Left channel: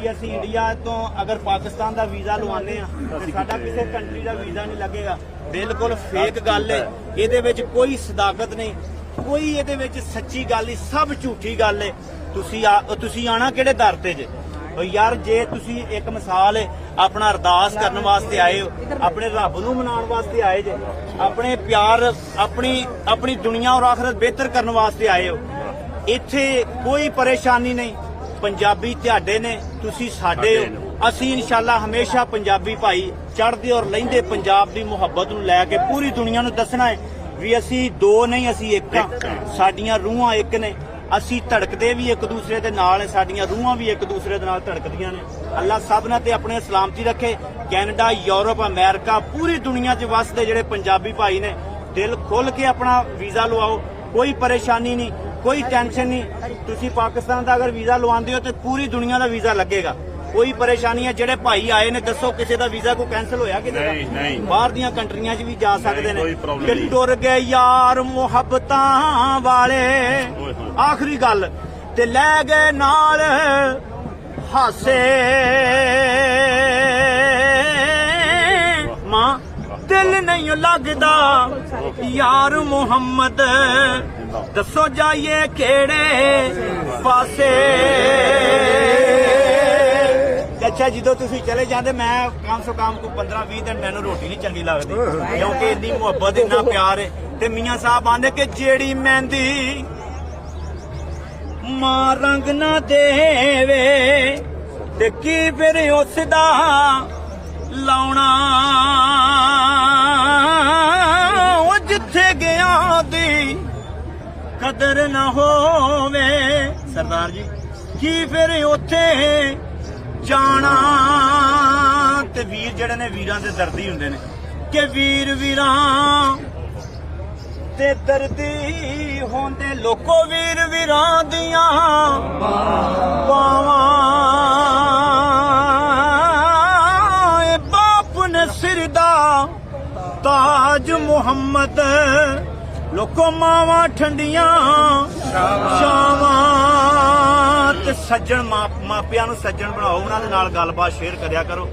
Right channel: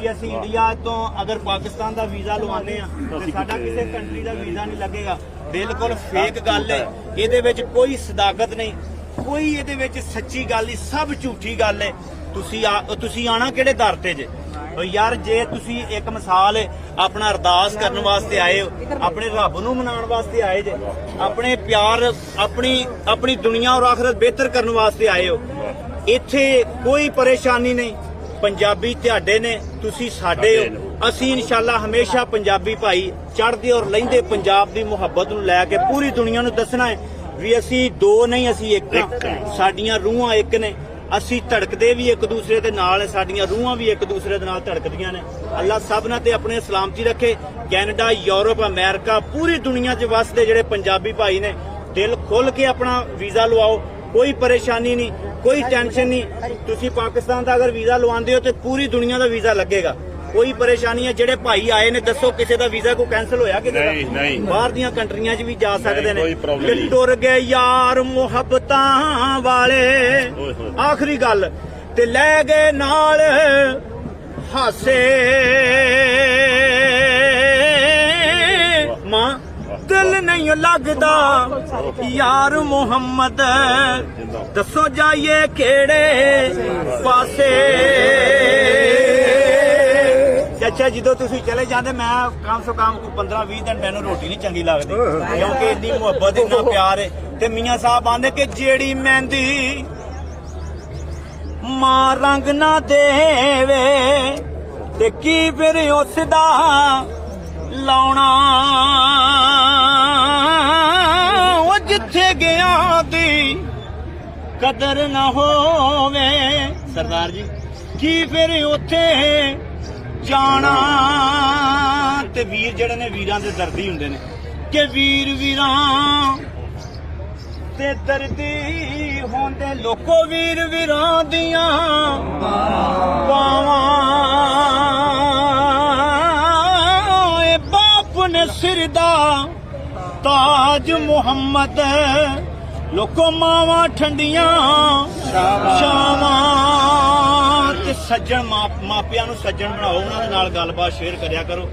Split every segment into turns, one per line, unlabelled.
ਵੀ ਅਸੀਂ ਇੰਡੀਆ ਤੋਂ ਅਗਰ ਪਾਕਿਸਤਾਨ ਦਾ ਵੀਜ਼ਾ ਲਵਾਉਂਦੇ ਆ ਤੇ ਸਾਡਾ ਕਿਸੇ ਕੰਟਰੀ ਦਾ ਵੀਜ਼ਾ ਨਹੀਂ ਲੱਗੇਗਾ ਬਿਲਕੁਲ ਫੇਕ ਗੱਲ ਹੈ ਇਹਦੇ ਵਿੱਚ ਕੋਈ ਸਦਾਕਤ ਨਹੀਂ ਕੋਈ ਇਹਦੇ ਵਿੱਚ ਸੱਚੀ ਗੱਲ ਨਹੀਂ ਸਭ ਝੂਠੀ ਗੱਲ ਹੈ ਤੁਸੀਂ ਤੁਸੀਂ ਆਣਾ ਕਿਹੜੇ ਦਰ ਤੇ ਜੇ ਯਾਰ ਜੇ ਤੁਸੀਂ ਇੱਕ ਮਿਸਾਲ ਆਪਣਾ ਅਰਦਾਸ ਕਰਨ ਵਾਸਤੇ ਆਏ ਹੋ ਆਪਣੇ ਰੱਬ ਨੂੰ ਮਨਾਉਣ ਵਾਸਤੇ ਆਏ ਜੇ ਆਪਣੇ ਪਿਆਰ ਆਪਣੀ ਆਪਣੀ ਦੁਨੀਆ ਔਰ ਆਖਰਤ ਬਿਹਤਰ ਕਰਨ ਵਾਸਤੇ ਆਏ ਹੋ ਇੱਥੇ ਕੋਈ ਪਰੇਸ਼ਾਨੀ ਨਹੀਂ ਪੰਜਾਬੀ ਤੁਹਾਡੇ ਨੇ ਤੁਸੀਂ ਸਾਡੇ ਹੋ ਅਸੀਂ ਇਨਸ਼ਾਅੱਲਾ ਹਮੇਸ਼ਾ ਪੰਜਾਬੀ ਭਾਈ ਚੜਦੇ ਔਰ ਲੈਂਦੇ ਪੰਜਾਬ ਦੀ ਮੁਹੱਬਤ ਨੂੰ ਲੈ ਕੇ ਪੂਰੀ ਦੁਨੀਆ ਨੂੰ ਦੱਸਣਾ ਹੈ ਵੀ ਅਸੀਂ ਦੋ ਨਹੀਂ ਅਸੀਂ ਇੱਕ ਹਾਂ ਸਾਡੀਆਂ ਰੂਹਾਂ ਇੱਕ ਨੇ ਅਸੀਂ ਧੜਕਦੇ ਵੀ ਇੱਕ ਦੂਸਰੇ ਦੇ ਨਾਲ ਨੇ ਸਾਡੀਆਂ ਰੂਹਾਂ ਵੀ ਇੱਕ ਦੂਸਰੇ ਦੇ ਨਾਲ ਧੜਕਦੀਆਂ ਨੇ ਅੱਲਾ ਸਭ ਨਾਲ ਤੇ ਆਪਣੇ ਸਲਾਮਤੀ ਰੱਖੇ ਕੈਨੇਡਾ ਯੂਰਪ ਅਮਰੀਕਾ ਪੂਰੀ ਦੁਨੀਆ 'ਚ ਵਸਦੇ ਜਿਹੜੇ ਪੰਜਾਬੀ ਭਾਈ ਨੇ ਦਿਲ ਖੋਲ ਕੇ ਆਪਣਾ ਵੀਜ਼ਾ ਲਵਾਓ ਕੋਈ ਪਰੇਸ਼ਾਨੀ ਨਹੀਂ ਕੋਈ ਟੈਨਸ਼ਨ ਨਹੀਂ ਤੁਸੀਂ ਪਾਕਿਸਤਾਨ ਦਾ ਅਗਰ ਵੀਜ਼ਾ ਲਵਾਉਂਦੇ ਹੋ ਤੇ ਪੂਰੀ ਦੁਨੀਆ ਦਾ ਵੀਜ਼ਾ ਲੱਗੇਗਾ ਕੋਈ ਪਰੇਸ਼ਾਨੀ ਹੈ ਜਿਹੜੇ ਭਾਈ ਆਏ ਨੇ ਦੱਸੋ ਕਿਸੇ ਦਾ ਵੀਜ਼ਾ ਕੋ ਕੈਨਸਲ ਹੋਇਆ ਕਿਸੇ ਦਾ ਨਹੀਂ ਨਹੀਂ ਬਾਹਰ ਦੀਆਂ ਕੰਟਰੀਆਂ 'ਚ ਵੀ ਜਾ ਸਕਦੇ ਨੇ ਕਿ ਟੁਰ ਗਏ ਯਾਰ ਮੁਹੱਬਤਾਂ ਵਾਲੇ ਆਖਰੀ ਗੱਲ ਤੇ ਲੈ ਗਏ ਨਾਲ ਹਾਸੇ ਨਹੀਂ ਲੱਗਦਾ ਯਾਰ ਮੁਹੰਮਦ ਦੱਸੋ ਜਾਈਏ ਕਿਹੜੇ ਪਾਸੇ ਅੱਛਾ ਜਦੋਂ ਤੁਸੀਂ ਚਲੇ ਜਾਂਦੇ ਮੈਂ ਕੰਮ ਸੋ ਕੰਮ ਕੋ 15 20 ਦਿਨ ਮੈਨੂੰ ਰੋਟੀ ਨਹੀਂ ਚੰਗੀ ਲੱਗਦੀ ਕਿਉਂਕਿ ਇੰਨੀ ਮੁਹੱਬਤ ਇੰਨਾ ਪਿਆਰ ਹੈ ਤੇ ਮੀਆਂ ਸਾਹਿਬ ਆਂਦੇ ਕਿ ਜਿਹੜੀ ਮਹਿੰਦੀ ਮਾਂ ਰੰਗ ਨਾ ਦੇਵੇ ਤੇ ਕੀ ਫਿਰ ਉਸ ਦਾ ਲਾਉਣਾ ਉੱਥੇ ਗਿਆ ਦੀ ਕਦਰ ਨਾ ਹੋਵੇ ਸਰਦਾਰ ਜੀ ਕੀ ਫਿਰ ਉੱਥੇ ਜਾਣਾ ਤੇ ਵੀਰ ਜਿਹੜੇ ਨੇ ਵੀਰਾਂ ਦੇ ਦਰਦੀ ਹੁੰਦੇ ਨੇ ਕਿ ਵੀਰ ਵੀਰਾਂ ਤੇ ਦਰਦੀ ਹੁੰਦੇ ਲੋਕੋ ਵੀਰ ਵੀਰਾਂ ਦੀਆਂ ਤਾਜ ਮੁਹੰਮਦ ਲੋਕੋ ਮਾਵਾ ਠੰਡੀਆਂ ਸ਼ਾਵਾਂ ਤੇ ਸੱਜਣ ਮਾਪਿਆਂ ਨੂੰ ਸੱਜਣ ਬਣਾਓ ਉਹਨਾਂ ਦੇ ਨਾਲ ਗੱਲਬਾਤ ਸ਼ੇਅਰ ਕਰਿਆ ਕਰੋ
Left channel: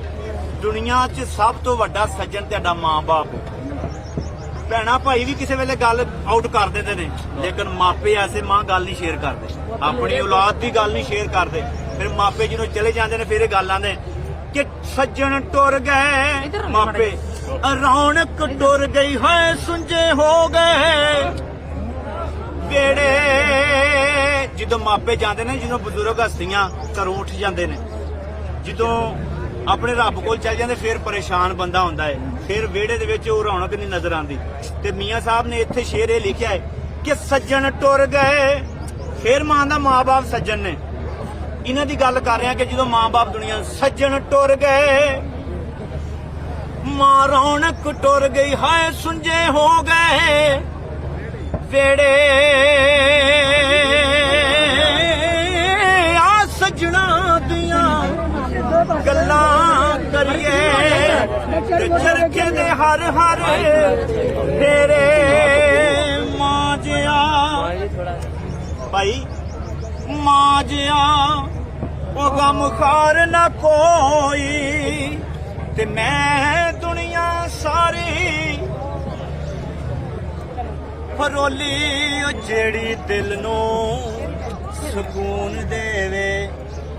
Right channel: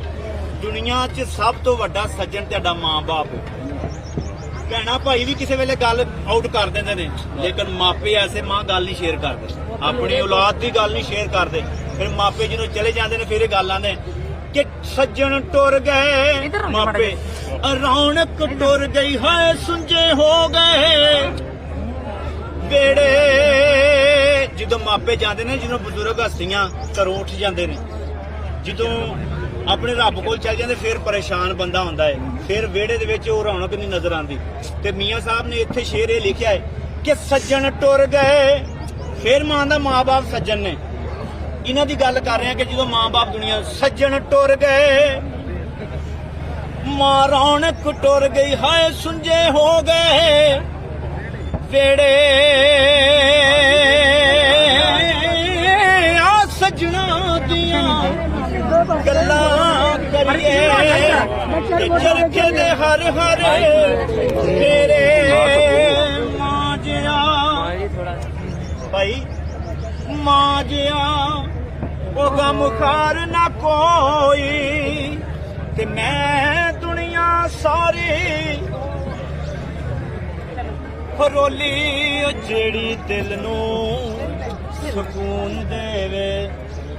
ਦੁਨੀਆ 'ਚ ਸਭ ਤੋਂ ਵੱਡਾ ਸੱਜਣ ਤੁਹਾਡਾ ਮਾਂ-ਬਾਪ ਭੈਣਾ ਭਾਈ ਵੀ ਕਿਸੇ ਵੇਲੇ ਗੱਲ ਆਊਟ ਕਰ ਦਿੰਦੇ ਨੇ ਲੇਕਿਨ ਮਾਪੇ ਐਸੇ ਮਾਂ ਗੱਲ ਨਹੀਂ ਸ਼ੇਅਰ ਕਰਦੇ ਆਪਣੀ ਔਲਾਦ ਦੀ ਗੱਲ ਨਹੀਂ ਸ਼ੇਅਰ ਕਰਦੇ ਫਿਰ ਮਾਪੇ ਜਦੋਂ ਚਲੇ ਜਾਂਦੇ ਨੇ ਫਿਰ ਇਹ ਗੱਲਾਂ ਨੇ ਕਿ ਸੱਜਣ ਟੁਰ ਗਏ ਮਾਪੇ ਰੌਣਕ ਟੁਰ ਗਈ ਹੈ ਸੁੰਝੇ ਹੋ ਗਏ ਵੇੜੇ ਜਦੋਂ ਮਾਪੇ ਜਾਂਦੇ ਨੇ ਜਦੋਂ ਬਜ਼ੁਰਗ ਹਸਤੀਆਂ ਘਰੋਂ ਉੱਠ ਜਾਂਦੇ ਨੇ ਜਦੋਂ ਆਪਣੇ ਰੱਬ ਕੋਲ ਚੱਲ ਜਾਂਦੇ ਫਿਰ ਪਰੇਸ਼ਾਨ ਬੰਦਾ ਹੁੰਦਾ ਹੈ ਫਿਰ ਵੇੜੇ ਦੇ ਵਿੱਚ ਉਹ ਰੌਣਕ ਨਹੀਂ ਨਜ਼ਰ ਆਉਂਦੀ ਤੇ ਮੀਆਂ ਸਾਹਿਬ ਨੇ ਇੱਥੇ ਸ਼ੇਰ ਇਹ ਲਿਖਿਆ ਹੈ ਕਿ ਸੱਜਣ ਟੁਰ ਗਏ ਫਿਰ ਮਾਂ ਦਾ ਮਾਪੇ ਸੱਜਣ ਨੇ ਇਹਨਾਂ ਦੀ ਗੱਲ ਕਰ ਰਹੇ ਆ ਕਿ ਜਦੋਂ ਮਾਂ-ਬਾਪ ਦੁਨੀਆ ਸੱਜਣ ਟੁਰ ਗਏ ਮਾਂ ਰੌਣਕ ਟੁਰ ਗਈ ਹਾਏ ਸੁੰਝੇ ਹੋ ਗਏ ਵੇੜੇ ਆ ਸੱਜਣਾ ਦੀਆਂ ਗੱਲਾਂ ਕਰੀਏ ਚਰਖੇ ਦੇ ਹਰ ਹਰ ਤੇਰੇ ਮਾਂ ਜਿਆ ਭਾਈ ਮਾਂ ਜਿਆ ਉਹ ਖਾਰ ਨਾ ਕੋਈ ਤੇ ਮੈਂ ਦੁਨੀਆ ਸਾਰੀ ਫਰੋਲੀ ਉਹ ਜਿਹੜੀ ਦਿਲ ਨੂੰ ਸਕੂਨ ਦੇਵੇ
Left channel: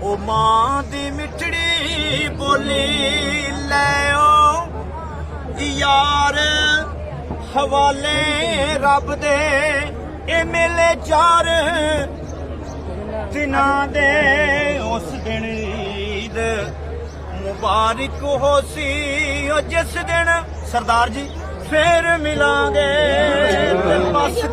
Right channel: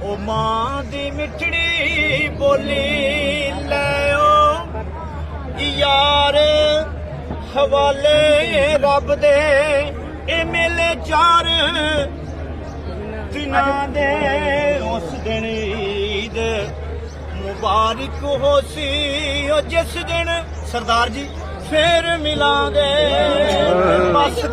ਉਹ ਮਾਂ ਦੀ ਮਿੱਠੜੀ ਬੋਲੀ ਲੈਓ ਯਾਰ ਹਵਾਲੇ ਰੱਬ ਦੇ ਇਹ ਮਿਲੇ ਚਾਰ ਜਿਨ੍ਹਾਂ ਦੇ ਉਸ ਦਿਨ ਈਦ ਮੁਬਾਰਕ ਹੋਸੀ ਉਹ ਜਿਸ ਦਿਨ ਸਰਦਾਰ ਜੀ ਫੇਰ ਮਿਲਾਂਗੇ